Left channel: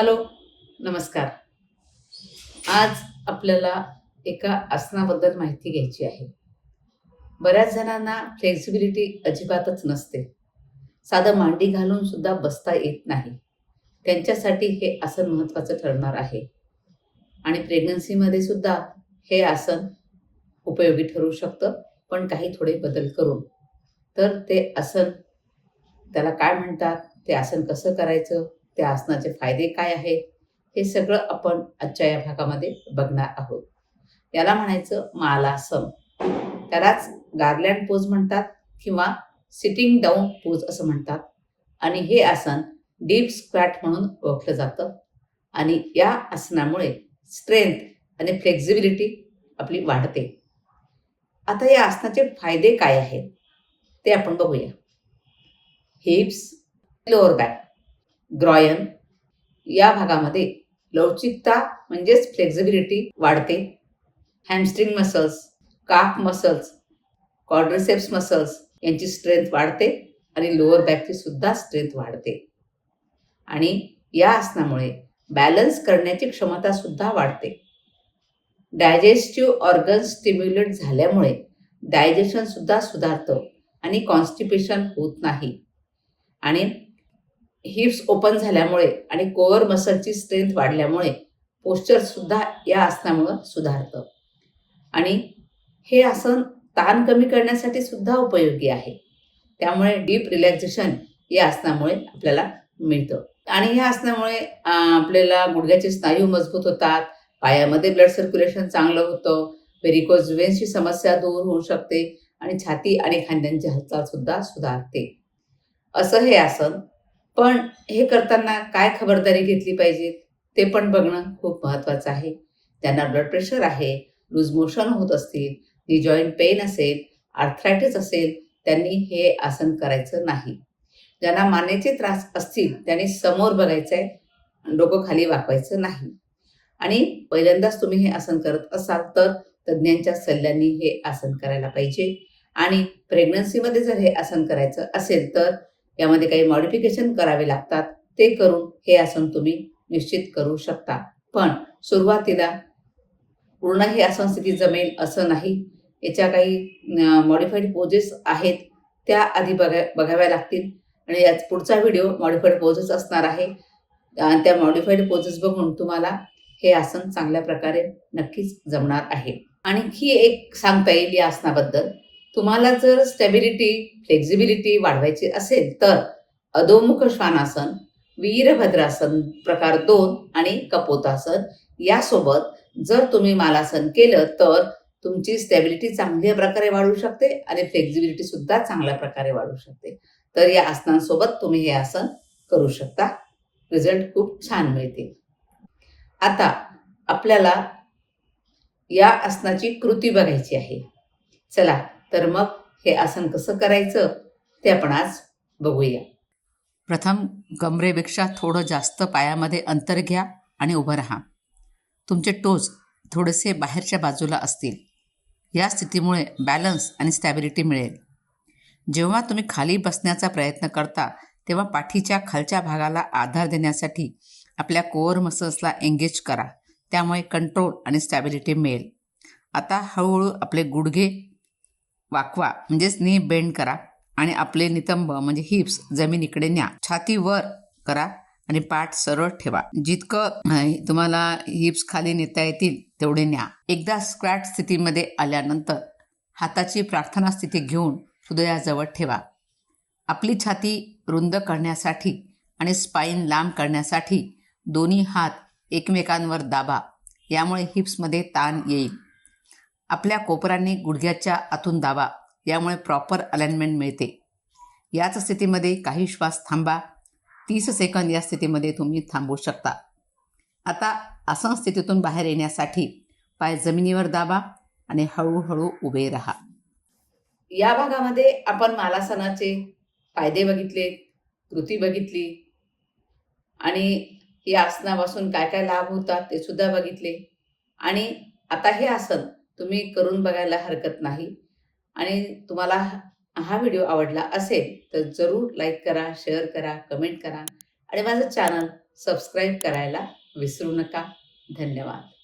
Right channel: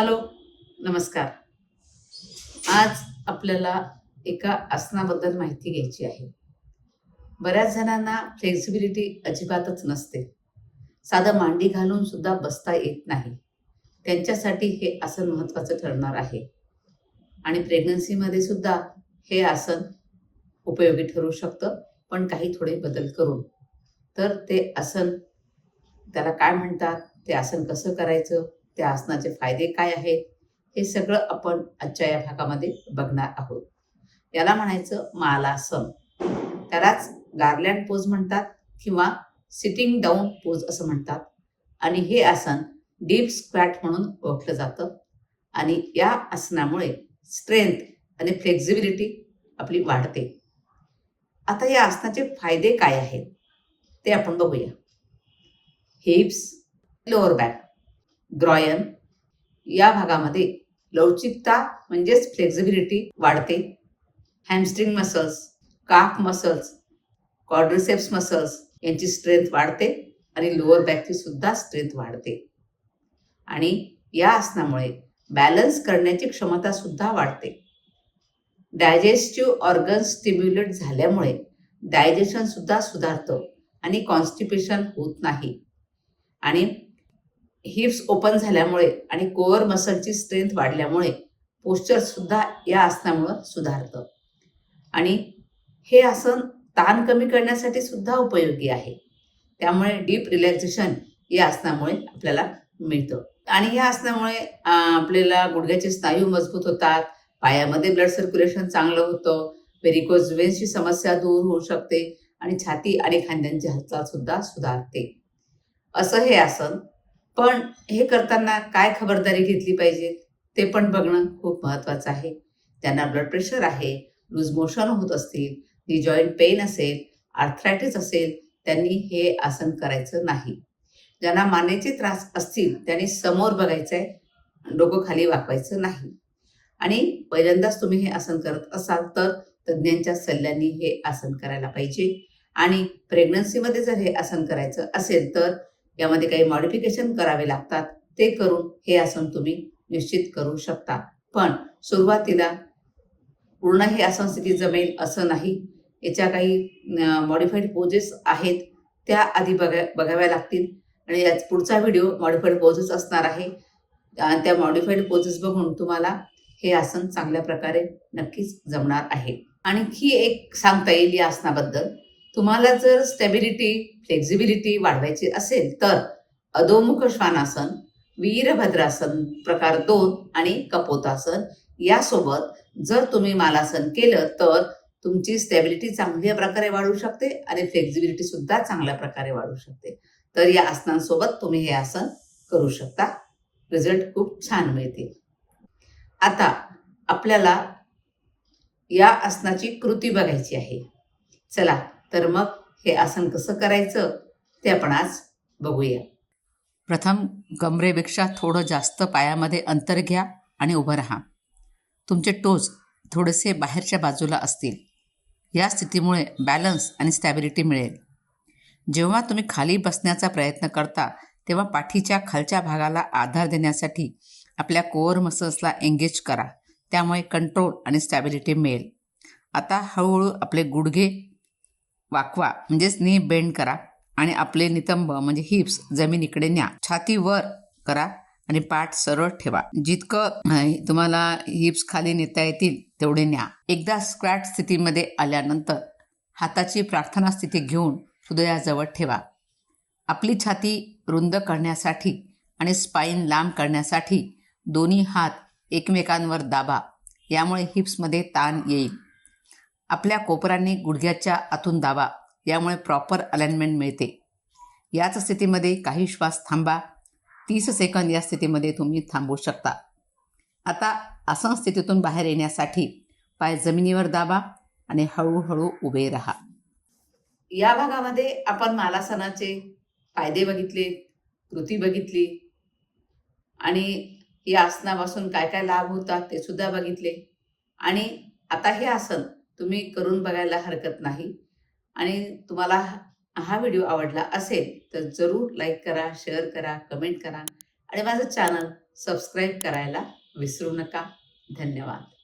Hello नमस्कार. आज आपल्याला एका आसनाबद्दल माहिती घ्यायची आहे. बऱ्याच जणांना फ्लेक्सिबिलिटी अजिबातच नसते. साधं मांडी घालून सुद्धा बसता येत नाही. त्यांच्यासाठी हे आसन महत्त्वाचं ठरणार आहे. आणि प्रेग्नन्सीमध्ये सुद्धा हे आसन उपयोगी ठरू शकतं पण काही थोडे बदल करून. तर ते आसन त्याला काय म्हणतात? ते आसन कसं करायचं? त्या आसनाचे फायदे काय आहेत? हे सगळं आपण आजच्या या भागामध्ये बघणार आहोत. याला म्हणायचं मालासन त्यालाच गार्लँड पोज म्हणतात किंवा सिटिंग डाऊन पोज असं म्हणतात. आणि हे आसन डीप स्क्वॅट म्हणून ओळखलं जातं. आणि या आसनामुळे स्ट्रेंथ आणि फ्लेक्झिबिलिटी आपली वाढते. आता या आसनाचे फायदे काय आहेत? ते आपण बघूया. हिप्स लोअर बॅक ग्रॉयन या भागामध्ये लवचिकता म्हणजेच फ्लेक्झिबिलिटी वाढते. Hamstring muscles calf muscles quadriceps muscles यांची स्ट्रेंथ वाढते आणि लोअर बॅकची सुद्धा स्ट्रेंथ वाढते. आणि या आसनामुळे बॅलन्स करण्याची क्षमता सुद्धा वाढते. डायजेस्टिव्ह ऑर्गन स्टिम्युलेट झाल्यामुळे डायजेशन सुद्धा सुधारतं आणि कॉन्स्टिपेशन होत नाही. आणि हिप्स ओपन झाल्यामुळे आणि कोअर मसलची स्ट्रेंथ वाढल्यामुळे पोश्चरसुद्धा या आसनामुळं सुधारतं. आणि हे आसन ताण कमी करण्यासाठी सुद्धा उपयोगी आहे. त्यामुळे डीप रिलॅक्सेशन या आसनामुळे आपल्याला मिळतं. आणि या आसनामुळे आपल्याला गुडघ्याचे स्नायू मजबूत होतात पायामध्ये ब्लड सर्क्युलेशन चांगलं होतं व्हेरिकोज वेन्सची समस्या दूर होऊ शकते आणि छाती आणि खांद्यांची हालचाल सुद्धा सुधारते. असं हे आसन पण हे करताना काय खबरदारी घेतली पाहिजे ते पण बघणं खूप महत्त्वाचं आहे. त्यांना ब्लड प्रेशर आहे लूज मोशन होत असतील नी जॉईंट पेन असेल आर्थरायटिस असेल त्यांनी हे आसन करायचं नाही. ज्यांना मानेचे त्रास असतील त्यांनी समोर बघायचं आहे डोकं खाली वाकवायचं नाही. आणि पहिल्यांदाच तुम्ही हे आसन करत असाल तर तज्ज्ञांच्या सल्ल्यांनी हे आसन करायला पाहिजे. आणि प्रेग्नन्सीमध्ये जर हे आसन करायचं असेल तर यामध्ये काही मॉडिफिकेशन करावे लागतात. ते करून हे आसन तुम्ही निश्चित करू शकता. पण सुरुवातीला पूर्ण हे आसन स्थिती जमेल असं नाही. याच्या काही मॉडिफाईड पोजेस आहेत. त्या आधी बघा बघाव्या लागतील. आणि याच पुढचा व्हिडिओ मॉडिफाईड पोजेस असणार आहे. आणि त्या मॉडिफाईड पोजेस बघून तुम्हाला हे आसन चांगल्या प्रकारे नक्कीच जमणार आहे. आणखी एक सांगता येईल या आसनाबद्दल. तुम्हाला जर स्टेबिलिटी फ्लेक्झिबिलिटी वाढवायची असेल तर अधोमुख श्वानासन वीरभद्रासन प्रकार दोन आणि कपोतासन यासोबत जर तुम्ही मालासन केलं तर तुमची स्टेबिलिटी चांगल्या प्रकारे वाढू शकते आणि फ्लेक्झिबिलिटी सुद्धा चांगल्या प्रकारे वाढू शकते. तर या आसनांसोबत तुम्ही हे आसन करू शकता. रिझल्ट खूप छान मिळते. आता आपल्याला या आसनाची कृती बघायची आहे. चला तर मग हे आसन कसं करायचं ते आपण आज बघूया. प्रथम कमरेपेक्षा थोडं जास्त पायामध्ये अंतर घ्या आणि उभं राहा. तुमचे टोज थोडेसे बाहेरच्या बाजूला असतील. या स्थितीमुळे बॅलन्स आणि स्टॅबिलिटी मिळेल. जेव्हा तुम्ही खाली बसण्याचा प्रयत्न करता तेव्हा पाठीच्या खालच्या भागाला आधार देण्यासाठी आपल्या कोअर मसल्सला एंगेज करा. त्यामुळे कंट्रोल आणि स्टॅबिलिटी मिळेल. आता हळूहळू आपले गुडघे वाकवा म्हणजेच नी बेंड करा आणि आपले नितंब म्हणजे हिप्स जमिनीकडे न्या. छाती वर करा आणि पाठ सरळ ठेवा. जितकं तुम्हाला हिप्स खाली नेता येतील तेवढे न्या. एकदा स्क्वॅट स्थितीमध्ये आल्यानंतर हाताची प्रार्थना स्थिती घेऊन हृदयाजवळ ठेवा. आपली छाती रुंद करण्यासाठी आणि स्पाईन लांब करण्यासाठी दोन्ही हात एकमेकांवर दाबा. यामुळे हिप्समध्ये ताण येईल. आपल्या कोपरांनी गुडघ्याच्या आतून दाबा यामुळे प्रॉपर अलाइनमेंट मिळते. याच स्थितीमध्ये काही श्वास थांबा. तीस सेकंद या स्थितीमध्ये तुम्ही थांबू शकता. आता आसन स्थितीतून बाहेर येण्यासाठी पाय जमिनीवर दाबा आणि हळूहळू उभे राहा. या भागामध्ये आपण मालासनाचे फायदे बघितले कृती बघितली आणि या आसनापासून काय काय लाभ होतात ते सुद्धा बघितले. आणि आता हे आसन तुम्ही करून बघायला हरकत नाही. आणि तुम्हाला हा- व्हिडिओ आवडला असेल तर जरूर लाईक करा शेअर करा कमेंट करा. आणि माझं चॅनल सबस्क्राईब करायला विसरू नका. धन्यवाद.